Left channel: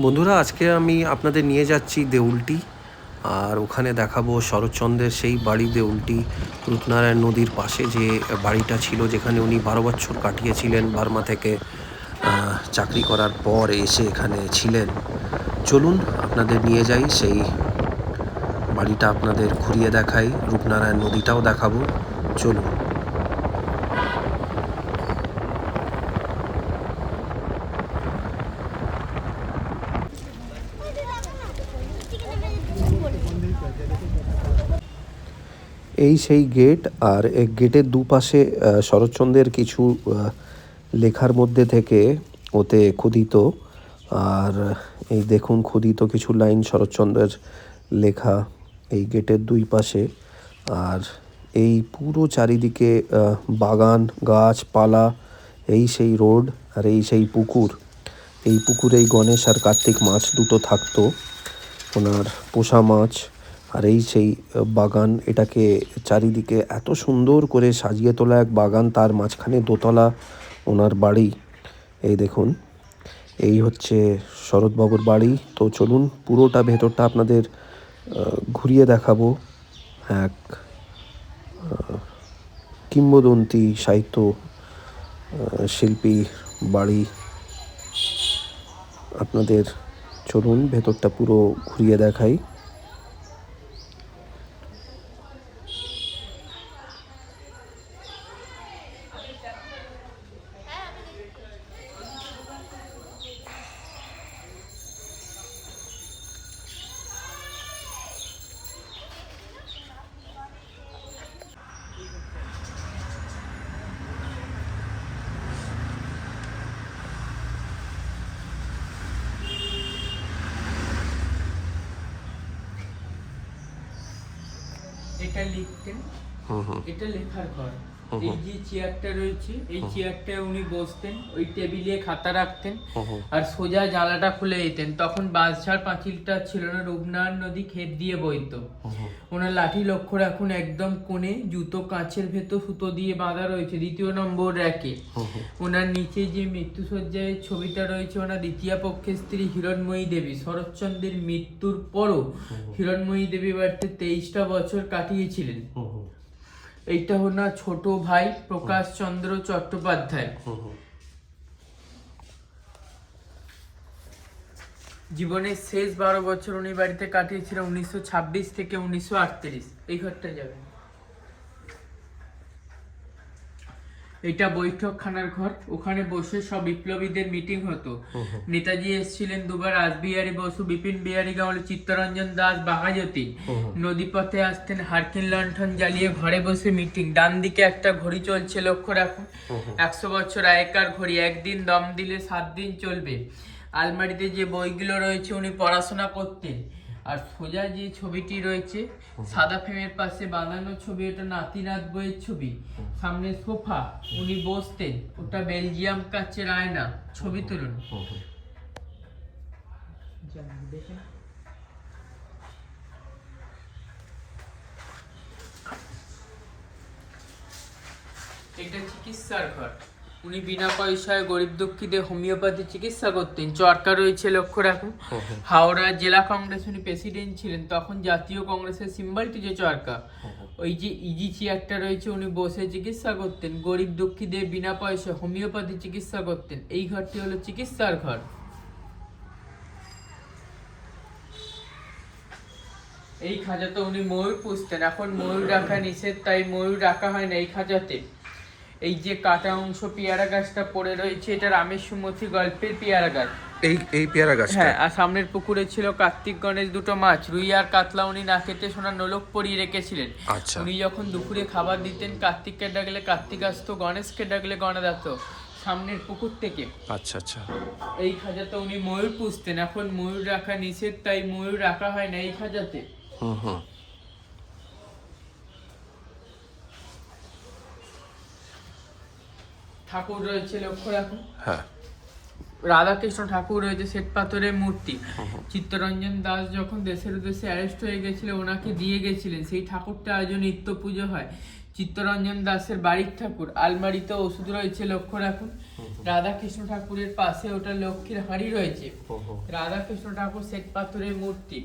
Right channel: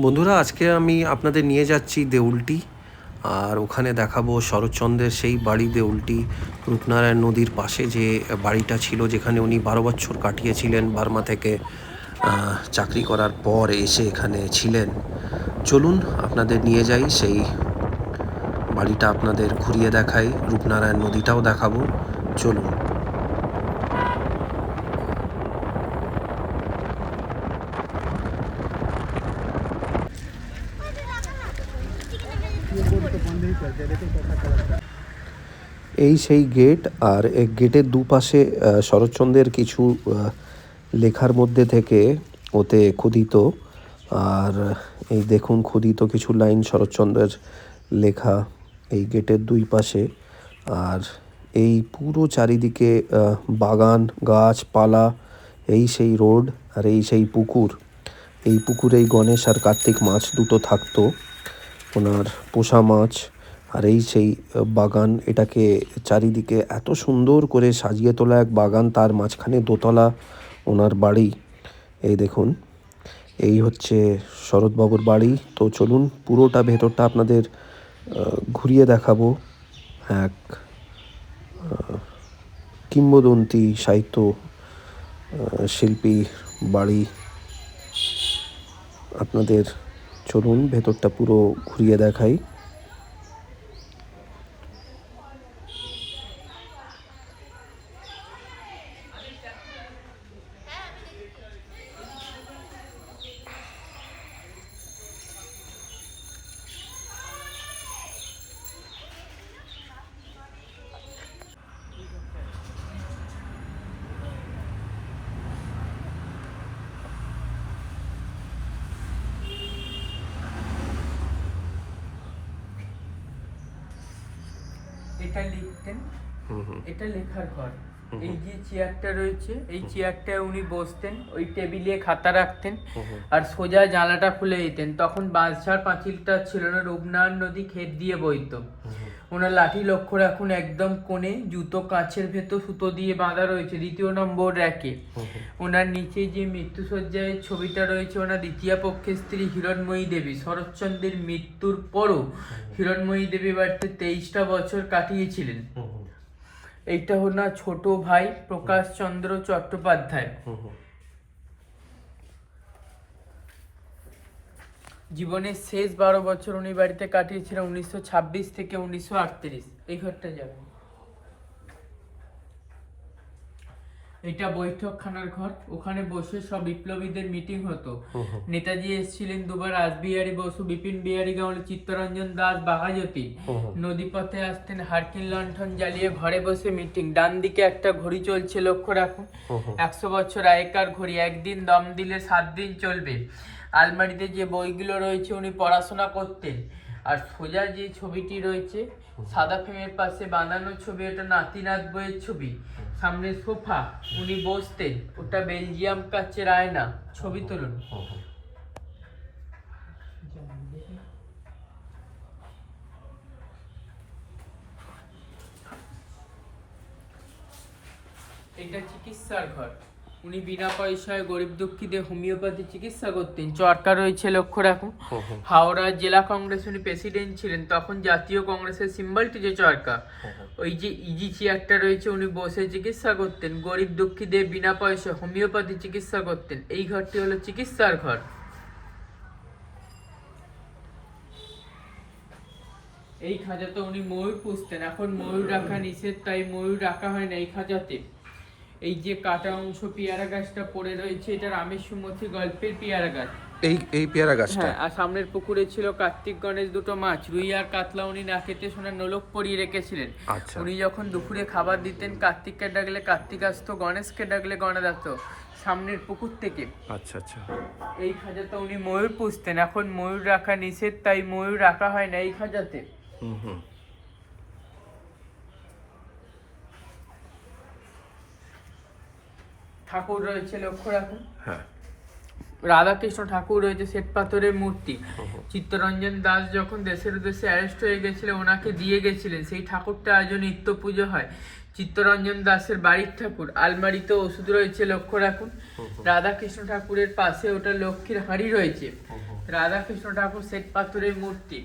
বন্ধুরা, আজকে আমি আপনাদের নিয়ে যাচ্ছি দেউলটি। আর ওখানে দেখাবো শরৎচন্দ্রের সেই বাড়ি দেউলটি, রূপনারায়ণ নদীর পাশে যে বাড়িটা ছিল, যেখানে উনি 12 বছর কাটিয়েছিলেন বার্মা থেকে চাকরি করার পর এসে এখানে ছিলেন। চলুন আপনাদের নিয়ে যাই, সেই বাড়িটা আপনাদের ঘুরিয়ে দেখাই, রূপনারায়ণ নদীটাও দেখাবো। চলুন। এই সেই গেট, আর এই গেটের দুপাশে শরৎচন্দ্রের কিছু লেখার মধ্যে থেকে ওতে ক্ষুদিত। আর এই দেখুন ক্ষুদিত কিছু লাইন শরৎচন্দ্রের লেখা এই গেটের দুই পাশে। আর এই পুরো চারিদিকে বাগান, গাছপালা, এই সেই রোড, আর এই সেই পুকুর। এই পুকুরেই গণেশ আর কার্তিক মাছ দুটো থাকতো, ওনার পোষা মাছ। আর এই সেই বাগান, এটাকে চারিদিকে এত সুন্দর করে সাজিয়ে তোলা এক বাগান, তার মাঝখানে দোতলা ওনার বাড়ি। এই দেখুন, এই হচ্ছে শরৎবাবুর বাড়ি। তো চলুন পুরোটা ভেতরটা আপনাদের ঘুরিয়ে দেখাবো। এক কিংবদন্তি সাহিত্য শিল্পীর বাড়ি আপনাদের। চলুন ভেতরটা পুরো ঘুরিয়ে দেখাই। এটা লিখতেন, এটা লেখার ঘর। এই যে চেয়ারটা রয়েছে, এই চেয়ারটায় উনি বসতেন, ওই টেবিলে খাতা রাখতেন, আর সোজা জানলাটা খুলে দিতেন। তখন বাঁশঝাড় পাঁচিলটা ছিল না, রূপনারায়ণ নদী ক্ষেত দিয়ে বইতো। ওনার লাঠি লক্ষ্য রাখুন, একদম কোণে জুতো কাঁচের ভেতর সুতো দিয়ে বাঁধা রয়েছে, 2 নম্বর র্যাকে। ওনার নিচে যে মৃত্যুসজ্জায় ছবিটা রয়েছে, ওনার দ্বিতীয় পক্ষের স্ত্রী হিরণময়ী দেবী। শরৎচন্দ্রের মৃত্যুর পরও হিরণময়ী দেবী বাড়িতে 23টা বছর কাটিয়েছিলেন। এইটা ওনার ছোট ভাই প্রকাশ চন্দ্র চট্টোপাধ্যায়। জীবনের শেষ 12 বছর উনি বাড়িতে কাটিয়েছিলেন, 1926 থেকে 1938। এই ঘরটা যাবেন। এটা বৈঠকখানার ঘর, ওখানে বসে সব বিপ্লবীদের মিটিং হতো। নেতাজি এসেছিলেন দুবার, রাসবিহারী বসু, বিপিন বিহারী গাঙ্গুলি, চিত্তরঞ্জন দাস, বাঘাযতীন। নদীপথে আসতেন হারকিন লণ্ঠন জ্বালিয়ে, ঘরে বসে মিটিং। ডান দিকে একটা ঘড়ি চলছে, লক্ষ্য রাখুন, 100 বছর আগেকার ঘড়ি। একদিন দম দিলে 7 দিন চলবে। আলমারিতে যে বইগুলো রয়েছে উনি পড়াশোনা করতেন। আর সোজা যে ছবিটি রয়েছে সাদা ফ্রেমের পাশে বাঁধানো ছবি, এটা নাতিনাথ বইয়ের ছবি। সামনে সোফা, উনি বসতেন, ওটা বেলজিয়াম কাচের আয়না। ছবি তুলুন। এটা চিকিৎসার ঘর, উনি বিনা পয়সায় গরিব দুঃখীদের হোমিওপ্যাথি চিকিৎসা করতেন। চরকা রয়েছে, লক্ষ্য রাখুন। হাওড়া জেলা কংগ্রেস উনি প্রেসিডেন্ট ছিলেন, তখন জাতীয় কংগ্রেসের সিম্বলটি যে চরকা। ওই যে ইজি চেয়ারটা রয়েছে, উনি বসে চিকিৎসা করতেন, গরিব দুঃখীদের বিনা পয়সা হোমিওপ্যাথি চিকিৎসা করতেন। এই ঘরটি হলো চিকিৎসার ঘর। এই খাঁচাতে উনি ময়ূর পুষতেন, এখন ময়ূর রাখা নিষেধ, তাই ময়ূর রাখা হয় না এই খাঁচাতে। এই যে কাটা অংশ পেয়ারা গাছটা পড়ে রয়েছে, এটা রামের সুমতি গল্পের পেয়ারা গাছ। এই পেয়ারা গাছটা। হ্যাঁ, আর সামনের পুকুরে ছিল কার্তিক গণেশ দুটো মাছ, রুই আর কাতলা। উনি না খেতে সোনার নোলক পরিয়ে রেখেছিলেন। আচ্ছা। উনি যখন দুপুরে খাবার দিতেন, কার্তিককে ডাকলে কার্তিক আসতো, গণেশকে ডাকলে গণেশ আসতো সামনের পুকুর থেকে। আচ্ছা আচ্ছা। এই খাঁচাতে উনি ময়ূর পুষতেন, এখন ময়ূর রাখা নিষেধ, তাই ময়ূর রাখা হয় না এই খাঁচাতে। ঠাকুর রয়েছে, লক্ষ্য রাখুন। হ্যাঁ। রাধাকৃষ্ণ ঠাকুর রয়েছে, শ্বেত পাথরের মূর্তি। চিত্তরঞ্জন দাস যখন দেশের উদ্দেশ্যে অ্যারেস্ট হয়ে গেছিলেন, ওনাকে দিয়ে গেছিলেন, সেই ঠাকুরটা আজও নিত্য পুজো হয়। চিত্তরঞ্জন দাসের বাড়ির ঠাকুর। আলমারিতে ওষুধ রয়েছে, লক্ষ্য রাখুন। রাধাকৃষ্ণ ঠাকুরের পাশে ওটা লক্ষ্মীর হাঁড়ি রয়েছে। রাধাকৃষ্ণ ঠাকুর শ্বেত পাথরের মূর্তি।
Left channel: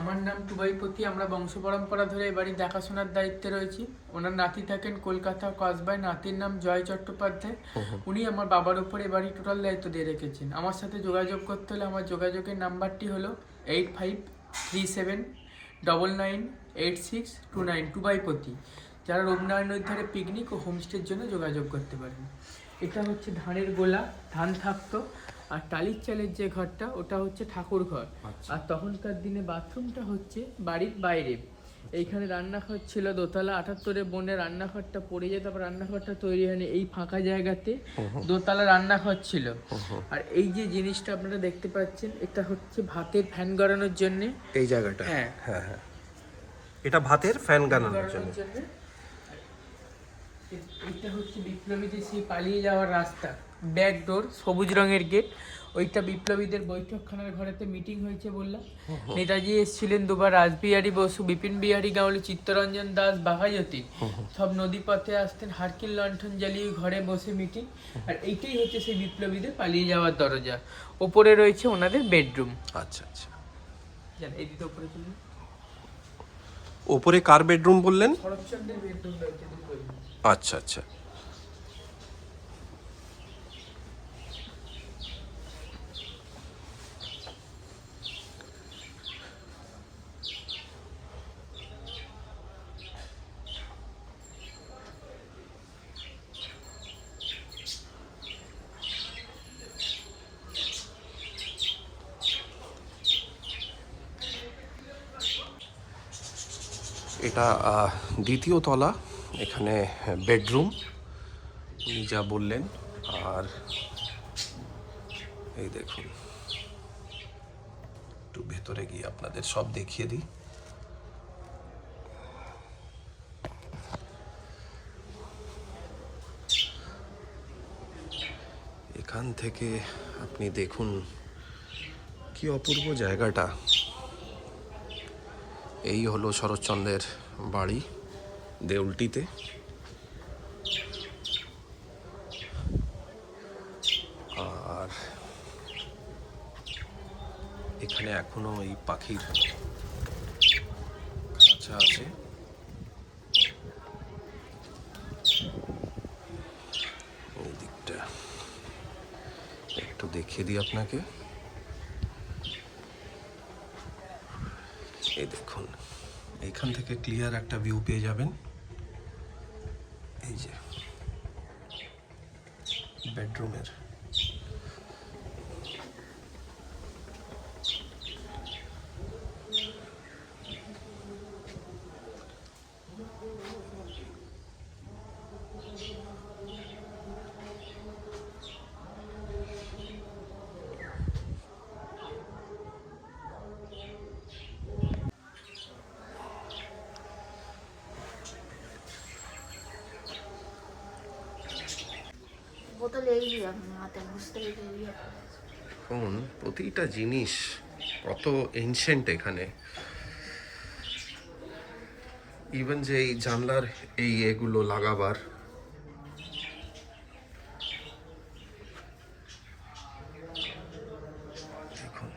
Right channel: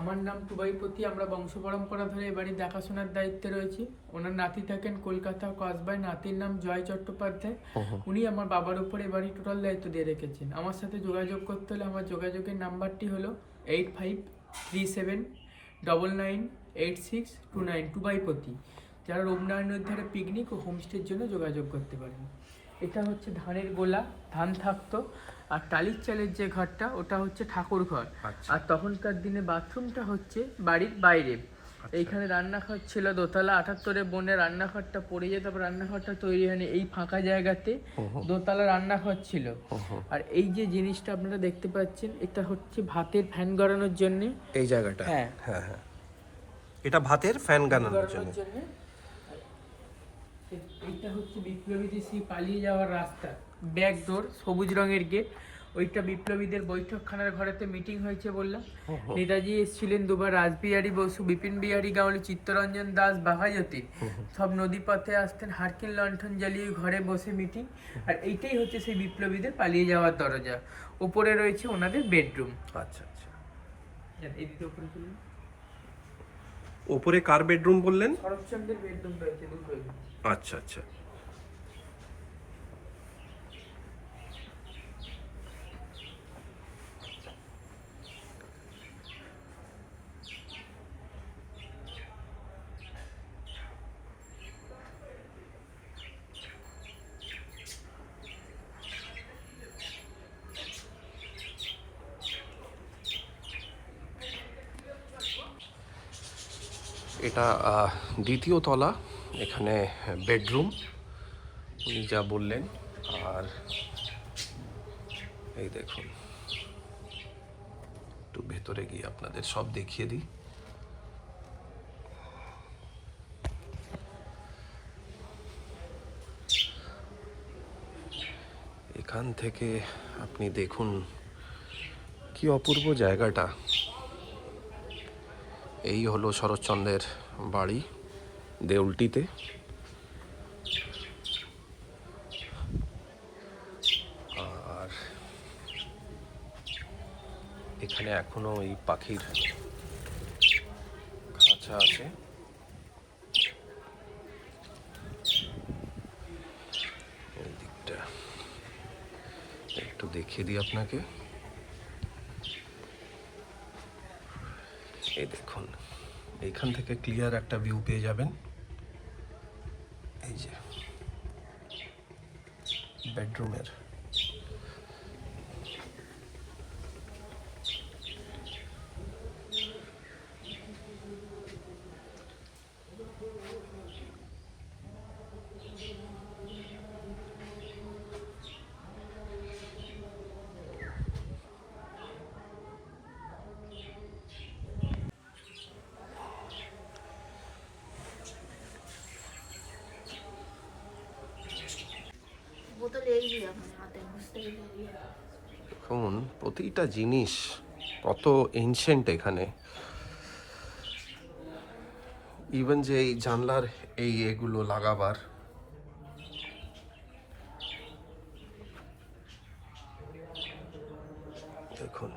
আমার নাম টুবাইপতি। আমরা বংশ পরম্পরা ধরে এ বাড়ি দেখাশোনার দায়িত্বে রয়েছি। ওনার নাতি থাকেন কলকাতা কসবায়, নাতির নাম জয় চট্টোপাধ্যায়। উনি আমার বাবার উপর এ বাড়ি টোটাল দায়িত্ব দিয়ে রেখেছেন। আমার সাথে যোগাযোগ করতে হলে আমার যোগাযোগের নাম্বারটি হলো 8537998629, টুবাইপতি। যারা রূপনারায়ণ নদীর ধারে পিকনিক ও হোমস্টের জন্য যোগাযোগ করতে পারেন। এটা হচ্ছে ধানের গোলা, ধান থাকতো। আর টালির চালের যে ঘরটা ওটা হচ্ছে ঠাকুর ঘর। আর তখনকার দিনে বাথরুমটা হচ্ছে বাড়ির বাইরে। এইখানে রান্নাঘর ছিল দোতলা। 78-এ বনে রান্নাঘরটা পড়ে যেত, তারপর রান্নাঘরটা তৈরি হয়নি। এই ফাঁকা জায়গাতে দোতলা রান্নাঘর ছিল। আর এই যে জিনিসটা আপনারা দেখতে পাচ্ছেন, এটা হচ্ছে ভাতের ফ্যান গড়ানোর জন্য। এই জায়গাটা, হ্যাঁ হ্যাঁ হ্যাঁ, এটা ভাতের ফ্যান গানানোর জন্য। এটা হচ্ছে বিপ্লবীদের সেই পালিয়ে যাওয়ার রাস্তা, ব্যাক ডোর, সবুজ রঙের গেট। ওইটা বিপ্লবীদের বৈঠকখানার ঘরেতে মিটিং হয়েছে বললাম। নেতাজি এসেছিলেন দুবার, রাসবিহারী বসু, বিপিন বিহারী গাওয়াল, চিত্তরঞ্জন দাস, বাঘাযতীন সব নদীপথে আসতেন, হারকিন লণ্ঠন জ্বালিয়ে ঘরে বসে মিটিং। আর এইটাই হচ্ছে সেই বিপ্লবীদের পালিয়ে যাওয়ার দরজা। ওপরে রয়েছে ওনাদের বেডরুম। আচ্ছা আচ্ছা, এইদিকে ওপরে চলুন। ওপরে কার বেডরুম বললেন? শরৎচন্দ্রের বেডরুম রয়েছে দুটোই। আচ্ছা আচ্ছা, এটা দ্বিতীয় তলা। এখানে বেডরুম উনি যা বললেন। আর এই দেখুন, একটু ভেতরে গিয়ে আপনাদের সব দেখিয়ে দিই। এখান থেকে আপনি দেখুন কি অপূর্ব জায়গাটা। এই হলো শরৎচন্দ্রের বাড়ি দেউলটিতে। আর এখানে এখনো এই পাখির খাঁচা আছে। এই দিকটা একটু দেখিয়ে দিই আপনাকে। এই দেখুন, এইখান থেকে ক্লিয়ার একটা ভিউ পেয়ে যাবেন। এই যে বেডরুমের, দেখুন প্রতিটা জিনিস কত এনশিয়েন্ট এখানে। ইভেন যে এই জানলার এগুলো লাগাবার, দেখুন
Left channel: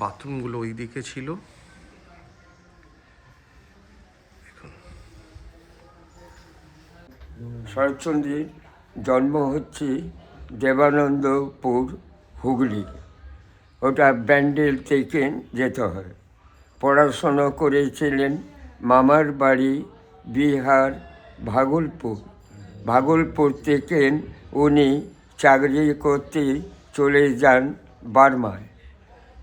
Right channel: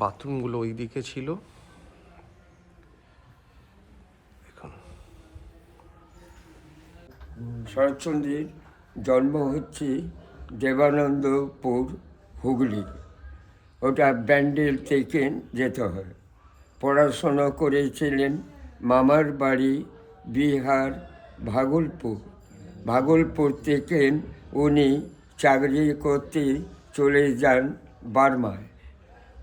বাথরুমগুলো ওই দিকে ছিল। শরৎচন্দ্রের জন্ম হচ্ছে দেবানন্দপুর, হুগলি। ওটা ব্যান্ডেল থেকে যেতে হয়। পড়াশোনা করেছিলেন মামার বাড়ি বিহার ভাগলপুর। ভাগলপুর থেকে উনি চাকরি করতে চলে যান বার্মায়।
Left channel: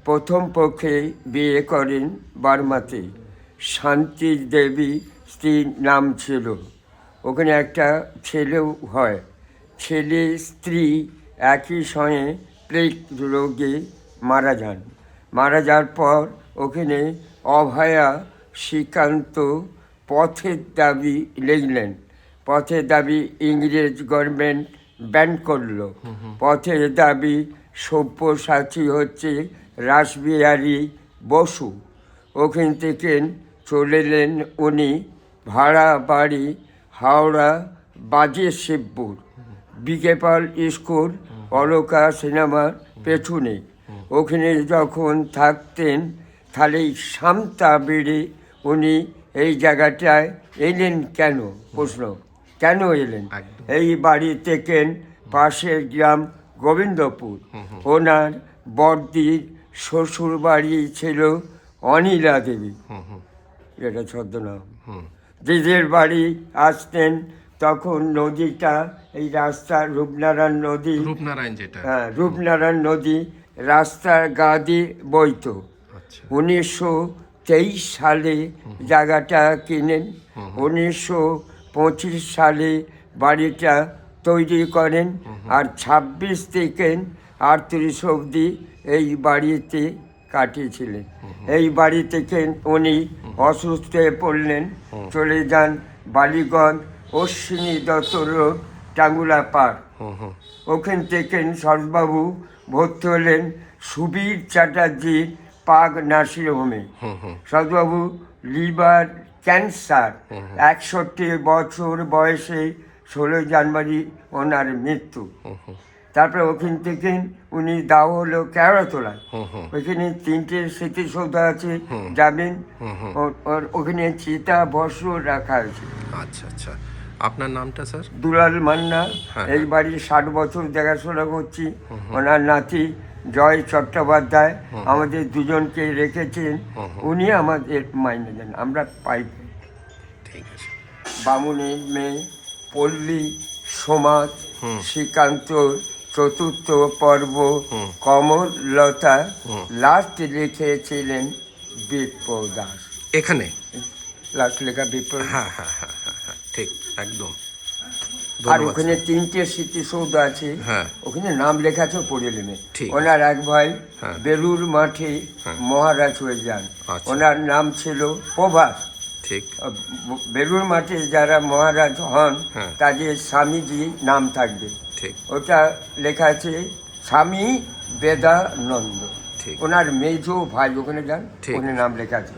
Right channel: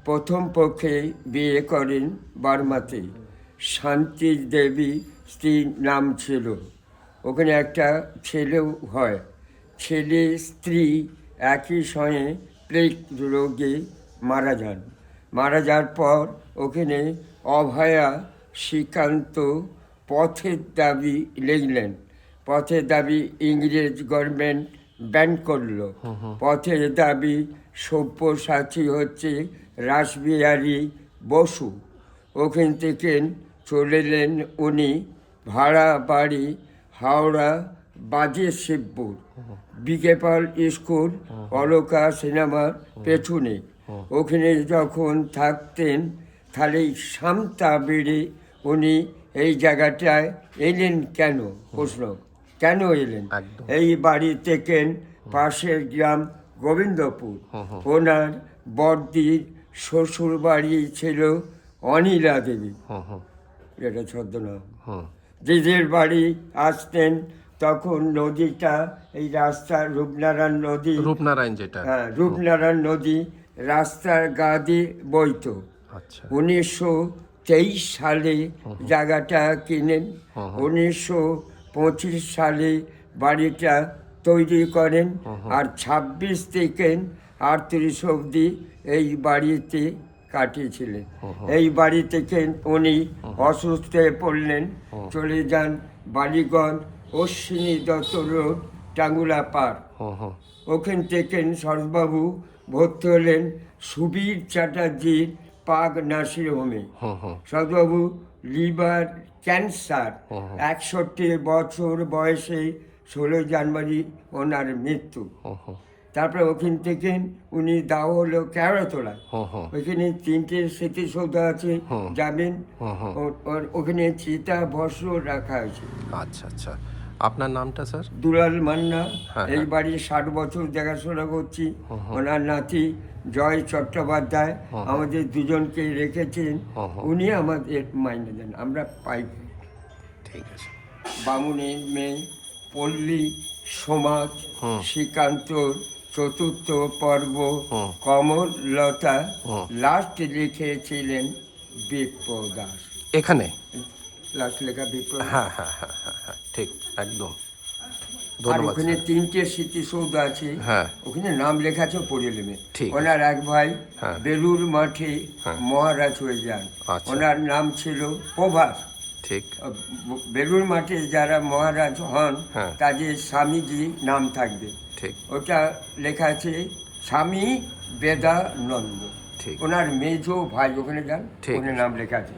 প্রথম পক্ষে বিয়ে করেন বার্মাতে। শান্তি দেবী স্ত্রীর নাম ছিল। ওখানে একটা ছেলেও হয়। ছেলে স্ত্রী একই সঙ্গে প্লেগ রোগে মারা যান। মারা যাওয়ার পর ওখানে অভয়া শ্রীকান্ত পথের দাবি লিখলেন। পথের দাবি ইংরেজ গভর্নমেন্ট ব্যান করলো। পথের দাবি সব্যসাচী হচ্ছে রাসবিহারী বসু। ওখান থেকে চলে এলেন উনি ভাড়া বাড়ি হাওড়া বাজে শিবপুর, বিকেপাল স্কুল অলকা সিনেমার পেছনে। ওখানে যখন থাকতেন তাহলে সামতা বেড়ে উনি এই জায়গাটায় এলেন কেন? প্রশ্ন, কেন এলেন? এই বাড়ি থেকে পাশের গ্রাম গোবিন্দপুর। ওনার বড়দির শ্বশুর বাড়ি ছিল অনিলা দেবী, এটা ছদ্মনাম। দিদির বাড়ি আসতেন তখন নদীটা, এই রাস্তা রূপনারায়ণ নদী, রূপনারায়ণ যেটা, হ্যাঁ রূপনারায়ণ নদী রাস্তার গা দিয়ে বইত। আচ্ছা 1923 সালে জায়গাটা কিনেন। 1925 সালে বাড়িটা তৈরি করেন। আর 26 থেকে 38 অবধি এই বাড়িতে কাটিয়েছিলেন। এই বাড়ি থেকে উনি অসুস্থ হয়ে পড়লেন, চলে যান বালিগঞ্জ অশ্বিনী দত্ত রোড টাঙ্গুলা পার। ওখান থেকে সরোজবাবু ভর্তি হলেন সুবীর চ্যাটার্জির পাগ নার্সিং হোমে। সরোজবাবু লিভার ক্যান্সার, 61 বছর বয়সে 16 জানুয়ারি ওনার মৃত্যু। তারপরে ওখান থেকে উনি দাও হলো কেওড়াতলায়। ওইখানে 3টে স্মৃতিসৌধ আছে, যাবেন। ওখানে চিতা বস্ত্র রাখা আছে। আচ্ছা আচ্ছা, আপনার নামটা স্যার? দুলাল মান্না। হ্যাঁ, এই বাড়ি 60 বছর দেখাশোনা করছি। ওনার নাতি জয় চট্টোপাধ্যায় আমাদের দুজনকে রেখেছেন। উনি আমাদের মাইনে দেন, আমরা পাই। ঠিক আছে। বামুনের মেয়ে পল্লী সমাজ শ্রীকান্ত চতুর্থ পর্ব কমললতা লাস্ট লিখেছিলেন বিপ্লব দাস। এখানে লাস্ট লেখা বিপ্লব। হ্যাঁ হ্যাঁ হ্যাঁ হ্যাঁ হ্যাঁ, ঠিক একদম। আর ওখানে 3টে স্মৃতিসৌধ আছে, হ্যাঁ। ওখানে নাম লেখা আছে পড়ে নেবে। ঠিক আছে। ওনার এক ভাই হ্যাঁ। বেলুর মাঠে মহারাজ হয়ে যান। আচ্ছা। ওনার নাম ছিল প্রভাস। ঠিক। বেলুর মাঠে যারা মহারাজ হন হ্যাঁ। তাদের স্বামীজি নাম থাকবে। ঠিক ওটা লেখা আছে স্বামী বেদানন্দ। ঠিক। ওনার মেজো ভাই, ওখানে যান, ঠিক ওখানে আছে। নাম লেখা আছে।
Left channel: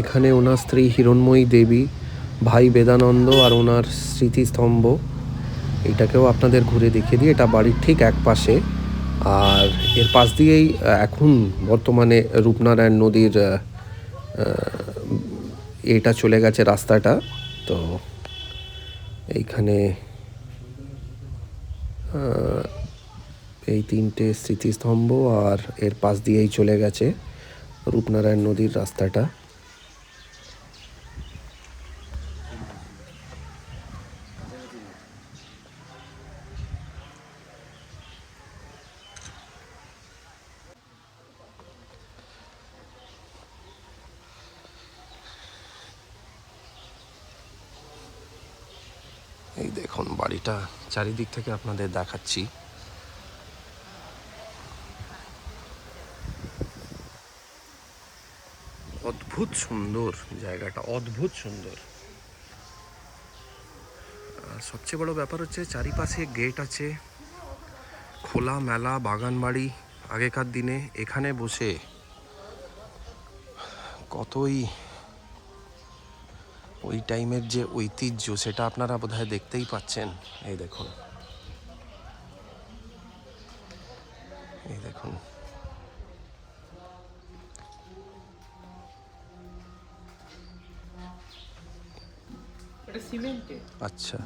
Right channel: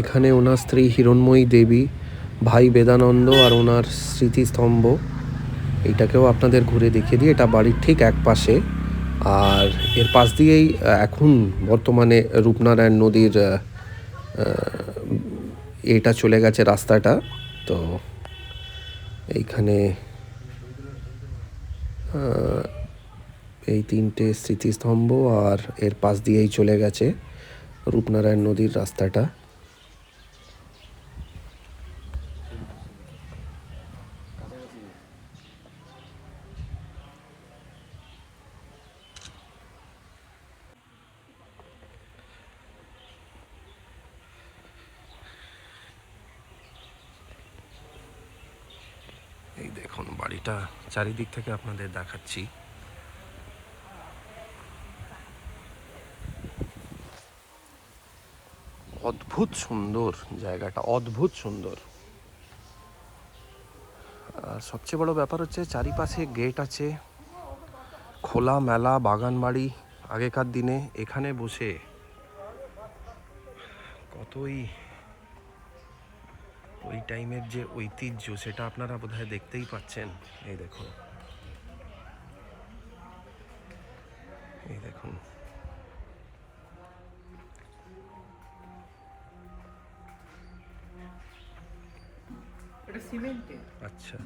এখানে ওনার স্ত্রী হিরণময়ী দেবী, ভাই বেদানন্দ আর ওনার স্মৃতিস্তম্ভ, এইটাকেও আপনাদের ঘুরে দেখিয়ে দিই। এটা বাড়ির ঠিক এক পাশে। আর এর পাশ দিয়েই এখন বর্তমানে রূপনারায়ণ নদীর এটা চলে গেছে রাস্তাটা। তো এইখানে এই 3টে স্মৃতিস্তম্ভ আর এর পাশ দিয়েই চলে গেছে রূপনারায়ণ নদীর রাস্তাটা। এই দেখুন বাড়িটা চারিদিক থেকে আপনাদের দেখাচ্ছি। অদ্ভুত সুন্দর জায়গাটা, অদ্ভুত সুন্দর। আর সবচেয়ে বড় ব্যাপার হচ্ছে চারিপাশে গেট আছে, খোলা মেলা বাগান বাড়ি। আগেকার দিনে এখানে বসে কতই ওই টাইমের যে ঐতিহ্য সেটা আপনারা বোধহয় দেখতেই পাচ্ছেন। এই দেখুন, এই দেখুন। এটা সিমেন্টের। আচ্ছা,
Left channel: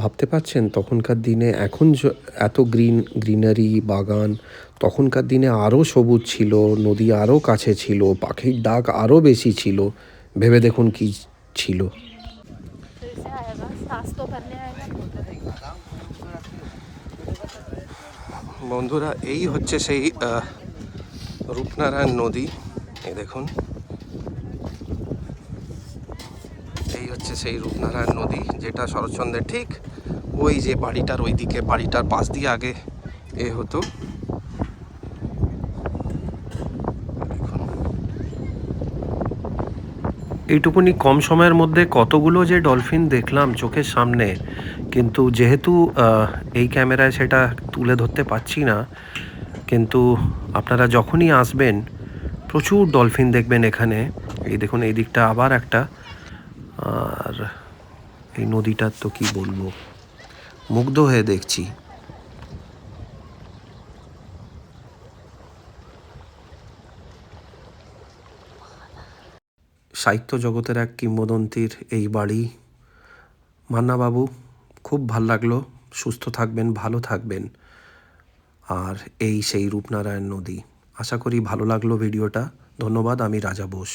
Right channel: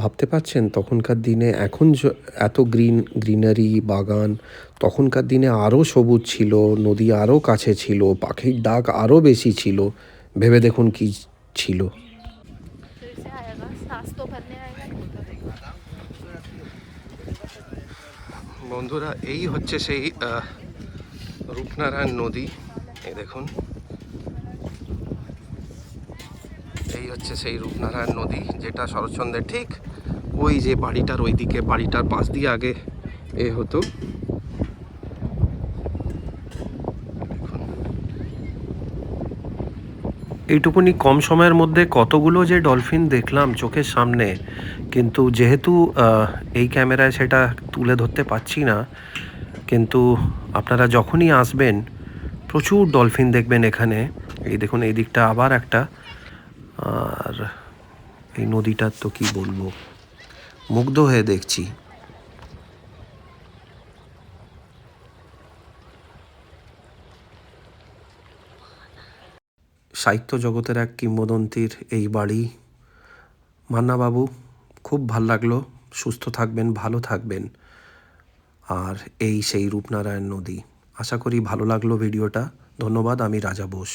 ভাবতে পারছেন তখনকার দিনে এখন এত গ্রিনারি বাগান, তখনকার দিনে আরও সবুজ ছিল, নদী আরও কাছে ছিল, পাখির ডাক আরও বেশি ছিল। ভেবে দেখুন কি ছিল। বন্ধুরা, এই হচ্ছে সেই রূপনারায়ণ নদী। এই দেখুন, এই হচ্ছে সেই রূপনারায়ণ নদী, যেটা শরৎচন্দ্রের ঠিক ওই যে বাড়িটার ওইদিকে, বাড়িটার পাশ দিয়ে আগে হতো। এইটুকুনি কম সময়ের মধ্যে কতগুলো যে ডলফিন দেখলাম চোখের সামনে, কিন্তু যেহেতু এই ক্যামেরায় সেটা তুলে ধরতে পারছি না, কিন্তু আপনারা যখনই আসবেন প্রচুর ডলফিন দেখবেন এখানে। এই দেখুন, এই দিকটা আবার একটা, আর এই নদীটার তো কি বলবো, মুগ্ধ হয়ে দেখছি। সাহিত্য জগতের এক কিংবদন্তির এই বাড়ি। মান্নাবাবু, খুব ভাল লাগলো। সুস্থ থাকবেন, ভালো থাকবেন। আর এই সেই রূপনারায়ণ নদী। আশা করি ভালো লাগলো ভিডিওটা। ধন্যবাদ। আমি রাজা বোস।